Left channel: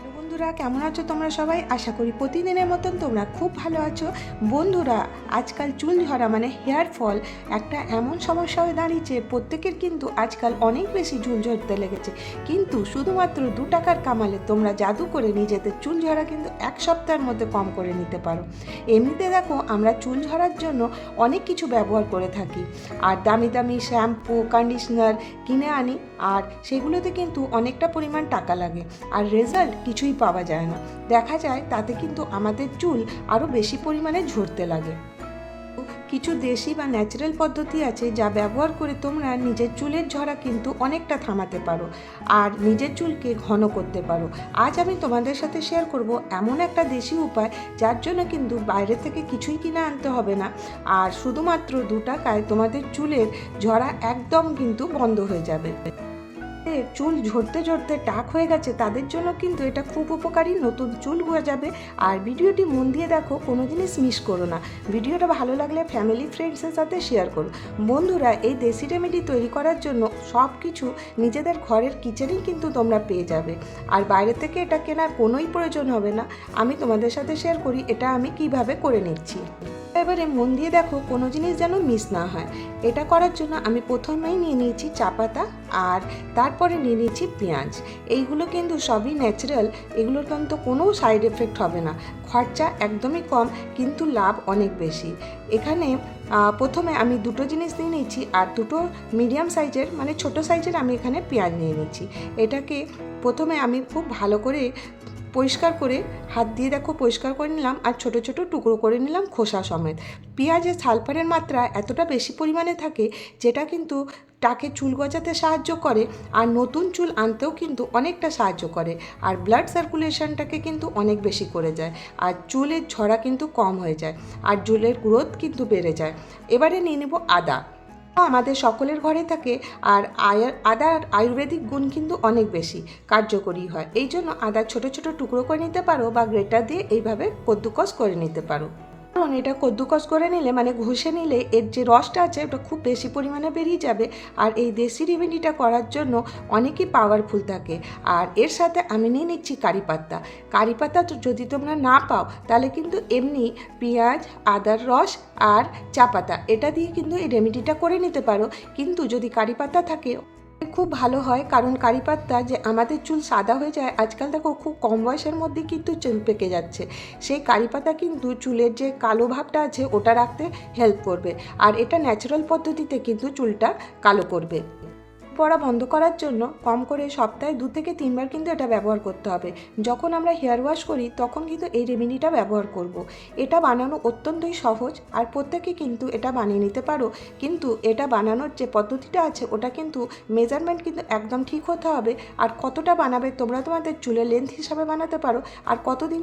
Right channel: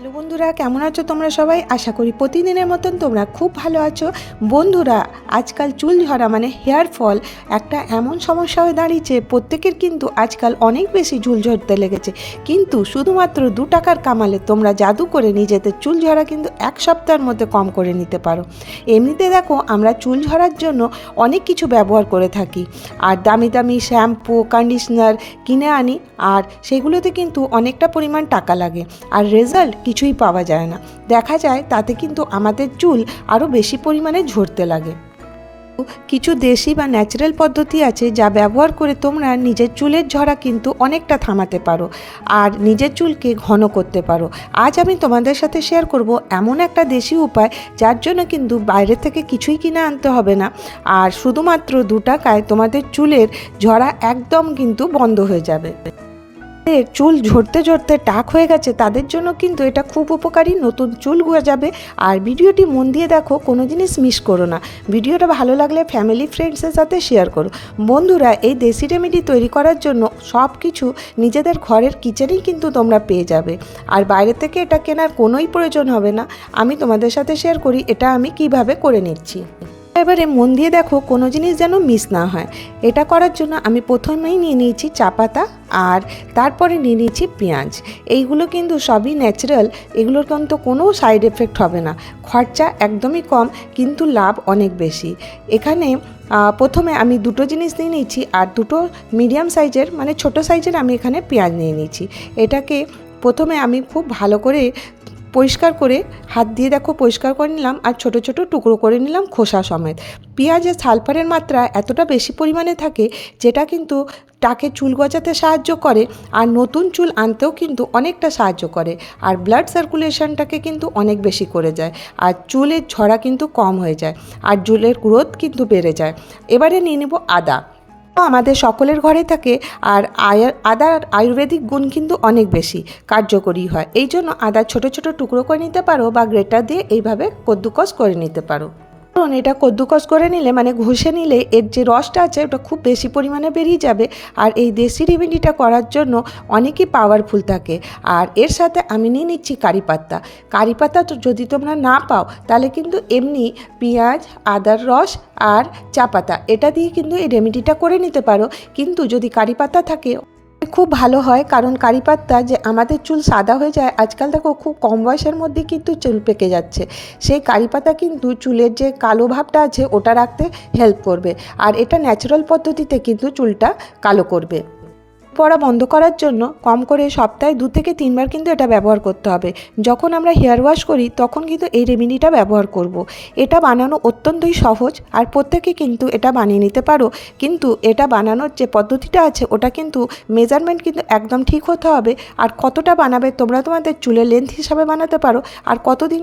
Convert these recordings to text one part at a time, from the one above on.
Hello বন্ধুরা, কেমন আছো তোমরা সবাই? আশা করি প্রতিদিনের মতন তোমরা খুব ভালো আছো। বন্ধুরা, আজকাল চুল ঝরা মানে হেয়ার ফল একটা এমন সমস্যা হয়ে দাঁড়িয়েছে। প্রত্যেকের কিন্তু আজকাল অনেক বেশি চুল ঝরতে লেগেছে, কিন্তু শুধুমাত্র 2 টাকার কামালে তোমরা জাদু করে নিজেদের চুল ঝরা কিন্তু 1 সপ্তাহের মধ্যে কম করে নিতে পারো। এমনিতে দেখো, আমরা চুল ঝরার জন্য অনেক কিছু ব্যবহার করে থাকি, আর দামি দামি শ্যাম্পু কন্ডিশনার কিনে আনি, আর সেগুলোতে কিন্তু অনেকটা পরিমাণ টাকা লাগে, আর রেজাল্ট কিছুই পাওয়া যায় না। দেখা যায় তাতে কিন্তু আমাদের চুল আরও বেশি পরিমাণে ঝরতে লাগে। কিছু দেশি বা ন্যাচারাল পদ্ধতি আছে যা ব্যবহার করে তোমরা নিজের চুলের ঝরা কিন্তু অনেকটা থামাতে পারো, আর নিজের চুলকে ঘন করতে পারো। আজ আমি তোমাদের সাথে শেয়ার করব এমন একটা দেশি উপায়, যার জন্য কিন্তু বাইরে থেকে কিছুই কিনে আনতে হবে না, আর শুধুমাত্র 2 টাকায় তোমাদের চুলের ঝরা একদম কিন্তু বন্ধ হয়ে যাবে। চুল ঝরতে ঝরতে টাক হয়ে গেছে তাদের জন্য কিন্তু এটা খুব উপকারী, নতুন চুল গজাবে। আর ভিডিওটি মন দিয়ে দেখো, কোনো জিনিস মিস করো না। ভিডিওটা ভালো লাগলে ফ্যামিলি ফ্রেন্ডসের সাথে শেয়ার করো। বন্ধুরা, এই দেশি রেমেডি তৈরি করার জন্য সব কিছু নিজেদের ঘরের কিচেনেই কিন্তু তোমরা পেয়ে যাবে, আর বাইরে থেকে এটা কেনার কোনোই প্রয়োজন হবে না। আমি তোমাদের সাথে শেয়ার করি এটা আমি কিভাবে করে নিচ্ছি। এবারে মন দিয়ে দেখো, কোনো জিনিস যেন মিস না হয়। এটা করার জন্য আমি প্রথমেই নিয়ে নিয়েছি চা পাতা, আর তারপরে নিয়ে নিয়েছি পেঁয়াজ। এইগুলো কিন্তু সবই ন্যাচারাল, এগুলোর কিন্তু কোনো সাইড এফেক্ট হবে না। খরচা একদমই কম, কিন্তু লাভ অনেক বেশি। এখানে প্রথমে আমি 2টো জিনিস নিয়ে নিয়েছি, আর 2টো মিডিয়াম সাইজের মানে ছোটো সাইজের আমি এখানে পেঁয়াজ নিয়ে নিয়েছি। এটাকে প্রথমে আমি খুব ভালো করে পরিষ্কার করে হাত দিয়ে দেখো পরিষ্কার করে নিলাম, আর ছোট ছোট টুকরো করে নিলাম খোসা সমেত। পেঁয়াজে সালফারের মাত্রা এতটা বেশি পরিমাণে থাকে, যেটা কিন্তু টাকে চুল গজাতে সাহায্য করে, আর নতুন চুল আনতেও কিন্তু অনেকটা সাহায্য করে, আর ব্লাড সার্কুলেশনটাকে কিন্তু অনেক বেশি করে যায়, আর চুলের ঝরা কিন্তু কম হয়ে যায়, আর চুলের গ্রোথ কিন্তু বেড়ে যায়। এবারে নিয়ে নেব আদা। আমাদের সকলের ঘরে থাকে, আর আদার আয়ুর্বেদিক গুণ কিন্তু অনেক বেশি কার্যকরী হয়। এই জন্য আদা ছোট ছোট টুকরো করে নিতে পারো, বা গ্রেটার দিয়ে এইভাবে কদ্দুকস করে নিতে পারো। কারণ এটা কদ্দুকস করে নিলে মানে ঘষে নিলে এর যে রসটা আছে ওটা খুব বেশি পরিমাণে বেরিয়ে যাবে, আর এই দেশি রেমেডিটা করার জন্য অনেকই পাওয়ারফুল থাকে। আর এর সাথে আমি নিয়ে নিচ্ছি কারি পাতা। কারি পাতা তো যদি তোমরা না পাও, তাহলে কিন্তু এমনি পেঁয়াজ, আদার রস আর চা পাতা এটা দিয়ে কিন্তু এই রেমেডিটা করে নিতে পারো। কিন্তু যদি কারি পাতা থাকে খুব ভালো হয়, কারণ কারি পাতা যে আমাদের চুল সাদা হয়ে যায়, আজকাল দেখো খুব কম বয়সের মধ্যে কিন্তু চুল পেকে যাচ্ছে। সেই কারি পাতা কিন্তু চুলের যে কালো ভাবটা আছে ওটা রাখতে হেল্প করবে, আর এটা ন্যাচারাল পদ্ধতিতে কিন্তু চুলটা কালো করবে। পড়া বন্ধ করার জন্য কম করে সপ্তাহে 2 থেকে 3 বার কিন্তু এটা ব্যবহার করতে হবে। যখন আমরা হেয়ার ওয়াশ করি তখন কিন্তু এই রেমেডিটা ব্যবহার করব। এটা বানানো অত্যন্তই সহজ, আর প্রত্যেকে কিন্তু এটা বানিয়ে নিতে পারো। কিন্তু এটা বানানোর যে পদ্ধতিটা আছে ওটা কিন্তু মেজারমেন্ট কিন্তু একদম ঠিক হতে হবে, আর কতটা বানাবে তোমরা তোমাদের চুলের লেন্থ হিসাবে বানাতে পারো, আর কতদিন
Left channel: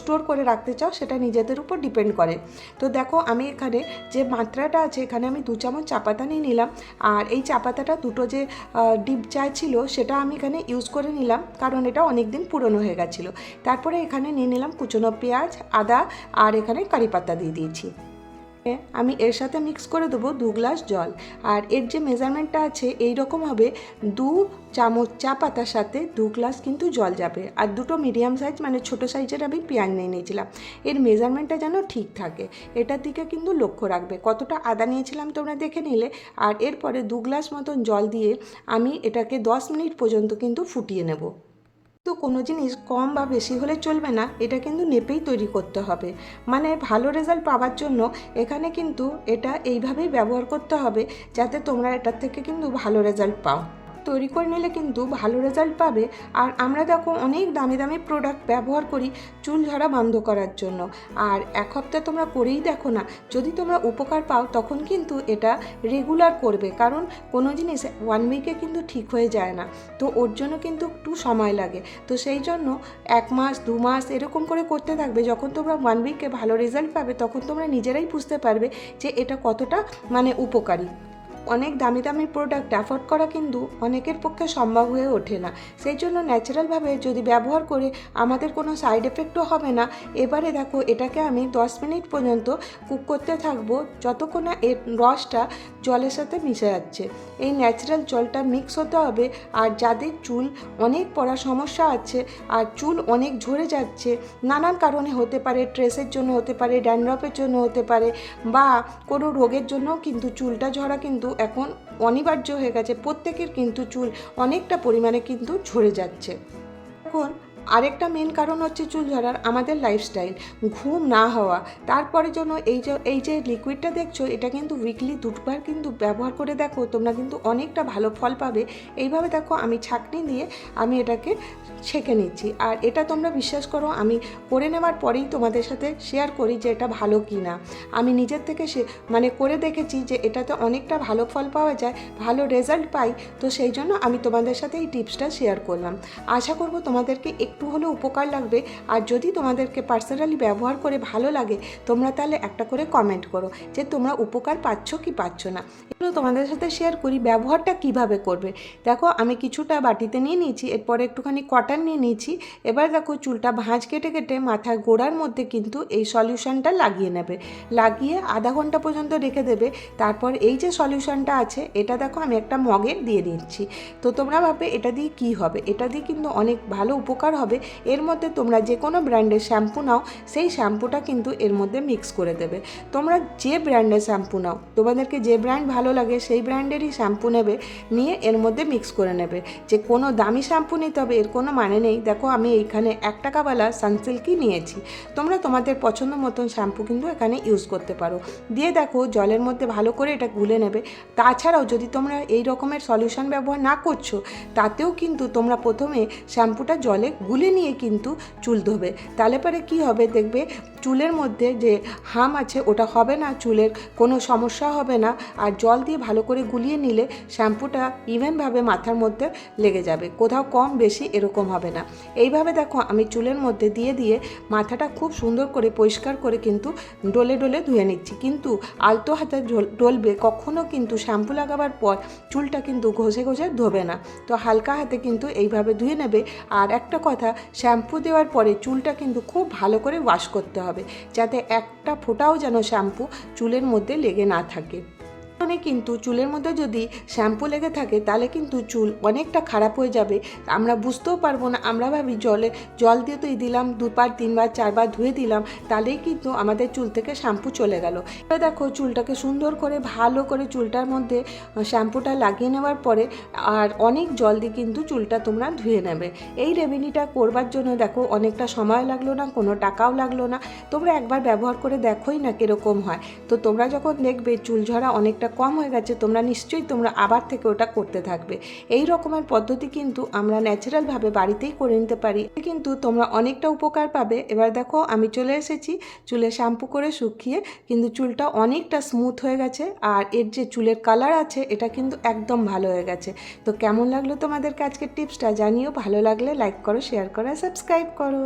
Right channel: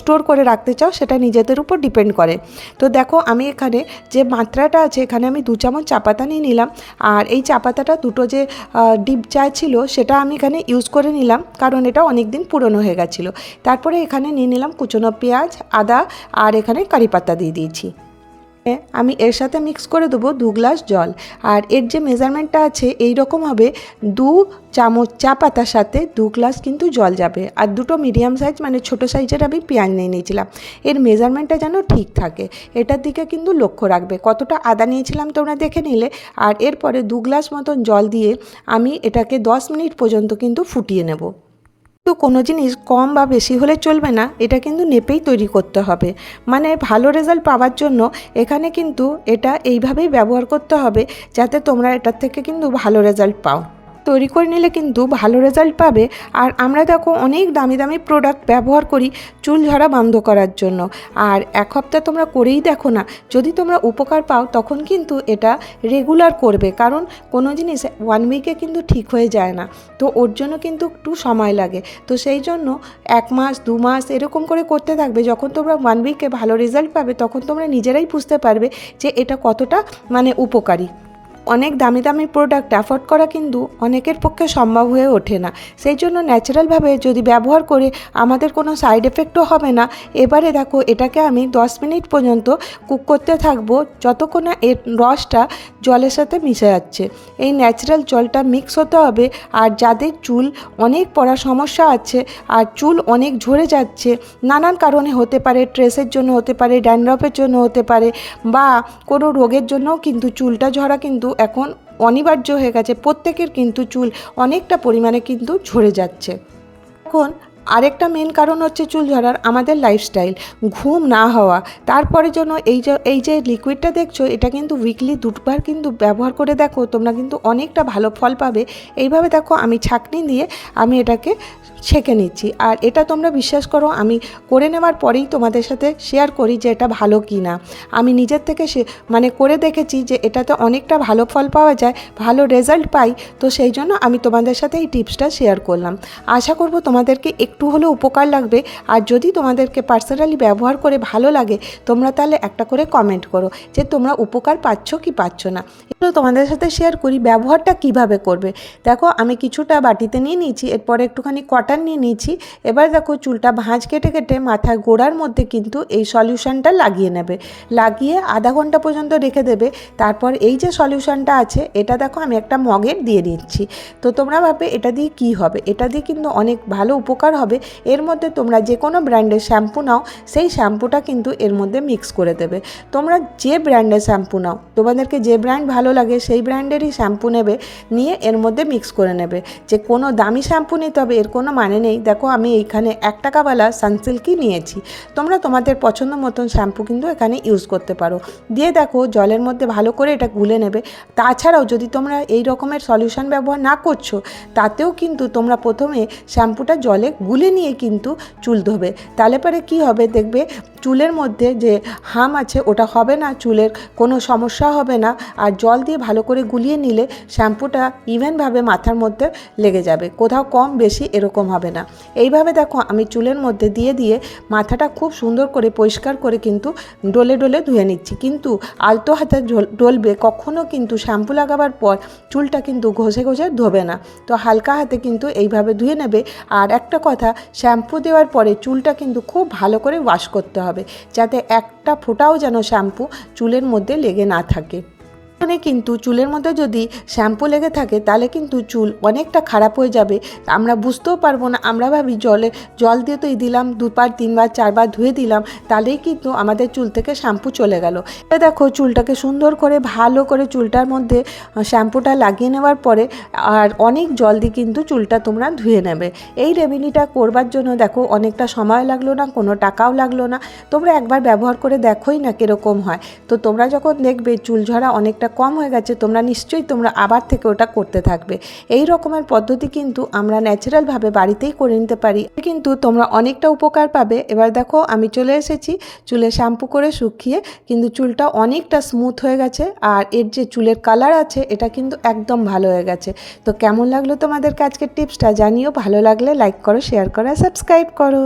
স্টোর করে রাখতে চাও সেটা নিজেদের উপর ডিপেন্ড করে। তো দেখো, আমি এখানে যে মাত্রাটা আছে এখানে আমি 2 চামচ চা পাতা নিয়ে নিলাম, আর এই চা পাতাটা দুটো যে ডিপ চা ছিল সেটা আমি এখানে ইউজ করে নিলাম, কারণ এটা অনেক দিন পুরনো হয়ে গেছিলো। তারপরে এখানে নিয়ে নিলাম কুচনো পেঁয়াজ, আদা, আর এখানে কারি পাতা দিয়ে দিয়েছি। আমি এর সাথে মিক্স করে দেবো 2 গ্লাস জল, আর এর যে মেজারমেন্টটা আছে এই রকম হবে। 2 চামচ চা পাতার সাথে 2 গ্লাস কিন্তু জল যাবে, আর 2টো মিডিয়াম সাইজ মানে ছোটো সাইজের আমি পেঁয়াজ নিয়ে নিয়েছিলাম। এর মেজারমেন্টটা যেন ঠিক থাকে, এটার দিকে কিন্তু লক্ষ্য রাখবে। কতটা আদা নিয়েছিলাম তোমরা দেখে নিলে, আর এরপরে 2 গ্লাস মতন জল দিয়ে আমি এটাকে 10 মিনিট পর্যন্ত কিন্তু ফুটিয়ে নেব। তো কোনো জিনিস কম বা বেশি হলে চলবে না, এটা কিন্তু নেপেই তৈরি করতে হবে। মানে ভালো রেজাল্ট পাওয়ার জন্য এখানে কিন্তু এটা এইভাবেই ব্যবহার করতে হবে, যাতে তোমরা এটার থেকে কিন্তু ভালো রেজাল্ট পাও। তৈরি করে নিলে কিন্তু ভালো রেজাল্ট পাবে। আর আমরা দেখো অনেক দামি দামি প্রোডাক্ট ব্যবহার করি চুল ঝরা বন্ধ করার জন্য, আর 1 সপ্তাহ তোমরা করেই দেখো না, যদি তোমরা উপকার পাও তখন কিন্তু এটা রেগুলার করবে, কারণ কোনো জিনিস 1 উইকে কিন্তু ঠিক হয়ে যায় না, তো ওর জন্য কিন্তু একটু সময় লাগে। তো সেই জন্য 1 মাস 2 মাস এরকম করে করতে থাকবে। যখন তোমরা 1 উইকে ভালো রেজাল্ট পাবে তখন তোমরা নিজেরাই বুঝতে পারবে যে এটা কতটা মানে উপকারী। অনেক দামি দামি প্রোডাক্ট অ্যাফোর্ড করা কিন্তু অনেকের পক্ষে সম্ভব হয়ে ওঠে না। সেই জন্য ন্যাচারালভাবে যদি ব্যবহার করে আমাদের কোনো সাইড এফেক্টও হবে না। এবারে দেখো এটাকে আমি 10 মিনিট পর্যন্ত কুক করতে থাকবো, যতক্ষণ না এর রসটা জলের সাথে মিশে যাচ্ছে। এই ন্যাচারাল জলটা মিক্স হতে হবে। আর যাদের চুল অনেক পড়ার সমস্যা আছে আর চুল অনেক ঝরে যাচ্ছে, নানান কারণে হতে পারে, ট্রেসের জন্য হতে পারে, ড্যান্ড্রফের জন্য হতে পারে, বা কোনো রোগের জন্যও কিন্তু চুলটা ঝরা কিন্তু এখন অনিবার্য হয়ে গেছে। প্রত্যেকের কিন্তু চুল অনেকটা পরিমাণে কিন্তু ঝরে যাচ্ছে। এখন আরেকটা মেন কারণ হচ্ছে চুল ঝরার আমাদের লাইফস্টাইল, ঘুম না হওয়া। তারপরে জন্য এই যে লিকুইডটা দেখছো, এটা কিন্তু উইকলি 2বার কিন্তু ব্যবহার করে দেখো, তোমরা কিন্তু অনেকটা ভালো ফল পাবে। এইভাবে দেখো আমি ছাঁকনি দিয়ে আমি এটাকে ছেঁকে নিচ্ছি। আর এটা তোমরা বিশ্বাস করো, আমি করে নেওয়ার পরেই তোমাদের সাথে শেয়ার করি যে এটা ভালো কি না। আমি নিজের থেকে করে দেখেছি যে এটাতে অনেকটা ভালো ফল পাওয়া যায়, ভালো রেজাল্ট পাই। তো সেই জন্য আমি তোমাদের সাথে এই টিপসটা শেয়ার করলাম। আশা করব তোমাদেরকে একটু হলেও উপকার লাগবে। আর যদি তোমাদেরকে পার্সোনালি ব্যবহার করে ভালো লাগে, তোমরা তাহলে একটা করে কমেন্ট করো যে তোমরা উপকার পাচ্ছ কি পাচ্ছ না। এগুলো তোমাদের সাথে শেয়ার করি ব্যবহারটা কিভাবে করবে। দেখো আমি কিছুটা বাটিতে নিয়ে নিয়েছি, এরপরে একটুখানি কটন নিয়ে নিয়েছি। এবার দেখো চুলটা ভাঁজ কেটে কেটে মাথার গোড়ার মধ্যে কিন্তু এই সলিউশনটা লাগিয়ে নেবে। লাগিয়ে আধা ঘন্টা পর্যন্ত রেখে দেবে। তারপর এই যে সলিউশনটা আছে এটা দেখো আমি একটা মগে দিয়ে দিচ্ছি। তো তোমরা ভাববে এটা দিয়ে কী হবে, এটা দিয়ে কিন্তু অনেক ভালো উপকার হবে। এর মধ্যে তোমরা যে কোনো ব্র্যান্ডের শ্যাম্পু নাও, সেই শ্যাম্পুটা কিন্তু এর মধ্যে মিক্স করে দেবে। তোমরা যে ব্র্যান্ডের শ্যাম্পু নাও, তোমাদেরকে যে ব্র্যান্ড ভালো লাগে সেই ব্র্যান্ডেরই শ্যাম্পু নেবে, নিয়ে এর মধ্যে মিক্স করে নেবে। যে কোনো দামি শ্যাম্পু নিতে হবে এর কোনো মানে নেই। দেখো আমি এইখানে 1 টাকাওয়ালা সানসিল্কই নিয়েছি। তোমরা তোমাদের পছন্দ মতন শ্যাম্পু কিন্তু এখানে ইউজ করতে পারো। দিয়ে দেখো জলের মধ্যে ভালো করে এটা গুলে নেবে। তাছাড়াও যদি তোমরা এই রকমের সলিউশন ব্যবহার না করছো, তাতেও কিন্তু তোমরা প্রথমে শ্যাম্পুটা জলে গুলে নিয়ে কিন্তু চুল ধোবে। তাহলে পরে কী হবে দেখবে, চুলের মধ্যে যে হাম আছে ওটা হবে না, চুলের কোনো সমস্যা হবে না। আর জল দিয়ে ভালো করে গুলিয়ে নিলে শ্যাম্পুটা ইভেনভাবে মাথার মধ্যে লেগে যাবে, কোথাও কম বেশি এরকম হবে না। এইভাবে দেখো আমি চুলের মধ্যে দিয়ে দিয়ে মাথাটা খুব সুন্দর করে পরিষ্কার করে কিন্তু ডলে ডলে ধুয়ে নিচ্ছি। কিন্তু আলতো হাতে ডলবে, কখনও কিন্তু শ্যাম্পু লাগাবার পর চুলটা কিন্তু ঘষে ঘষে ধোবে না। তো হালকা হাতে কিন্তু এইভাবে ধুয়ে নেবে। আর একটা কথা, শ্যাম্পু দেওয়ার পরে চুলটা কিন্তু খুব ভালো করে ওয়াশ করতে হবে, যাতে একটা ফোঁটাও যেন শ্যাম্পু চুলের মধ্যে লেগে না থাকে। এখানে কিন্তু চুলের মধ্যে যদি শ্যাম্পু লেগে থাকে তাহলে কিন্তু চুল অনেকটা খারাপ হয়ে যাবে, আমরা বুঝতেও পারবো না। আমরা ভাবি জল দিয়ে তো দিলাম 2বার 3বার 4বার ধুয়ে দিলাম, তাহলেই কিন্তু আমাদের চুল থেকে শ্যাম্পু চলে গেল। দেখো চুলটাকে সুন্দর করে ভালো করে চুলটার মধ্যে শ্যাম্পুটা লাগিয়ে নেওয়ার পরে আর অনেক জল দিয়ে কিন্তু চুলটা তোমরা ধুয়ে নেবে। এই রেমেডিটা করবার জন্য দেখো অনেকটা সময় লাগলো না, কোনো টাকাও লাগলো না। তোমরা একবার ব্যবহার করে দেখোই না কীরকম হয়। তো তোমরা যখন দেখবে চুল ঝরা অনেকটা কম হয়ে গেছে, তোমরা নিশ্চয়ই তোমরা আবার থেকে ওটা করতে থাকবে। এই রকমের পদ্ধতি কিন্তু আমরা ন্যাচারালভাবে বাড়িতেই করে নিতে পারি, কিন্তু তোমরা অনেকটা উপকার পাবে। এবার দেখো আমি চলে এসেছি চুলে শ্যাম্পু করে শুকিয়ে, কিন্তু চুলটা অনেকটা স্মুথ হয়ে গেছে। আর এর যে চুলের কালার আছে এটা কিন্তু একদম ভালো হয়ে গেছে। তো কেমন লাগলো তোমাদের আজকের টিপসটা জানিও। ভালো লাগলে লাইক করো, শেয়ার করো, সাবস্ক্রাইব করো।